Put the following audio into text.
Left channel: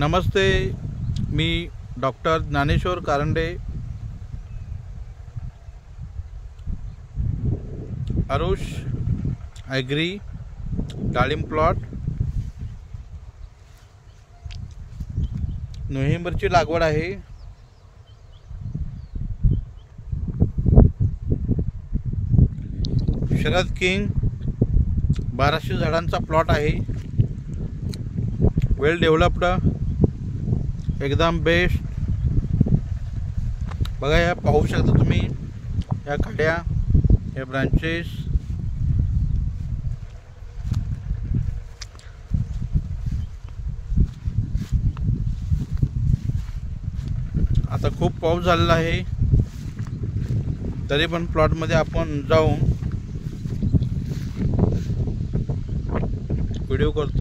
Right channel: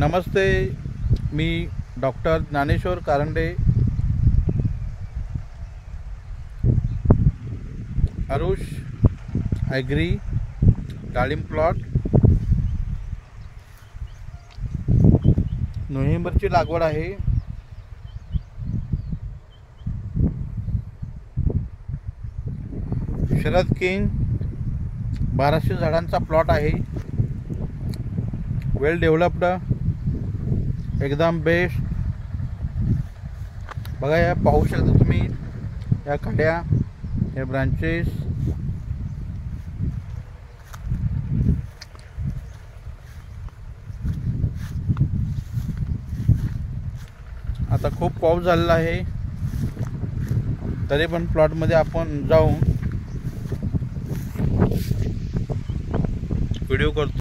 नमस्ते, मी doctor Dnyaneshwar Karande, Arush agree डाळिंब plot. नोव्हेंबरची लागवड आहे। शरद किंग 1200 झाडांचा प्लॉट आहे। वेल डेव्हलप्ड, एकदम बेस्ट। बघा, या पाहू शकता तुम्ही, या काड्या, हे ब्रांचेस। आता खूप पाऊस झालेला आहे, तरी पण प्लॉट मध्ये आपण जाऊन व्हिडिओ करतो।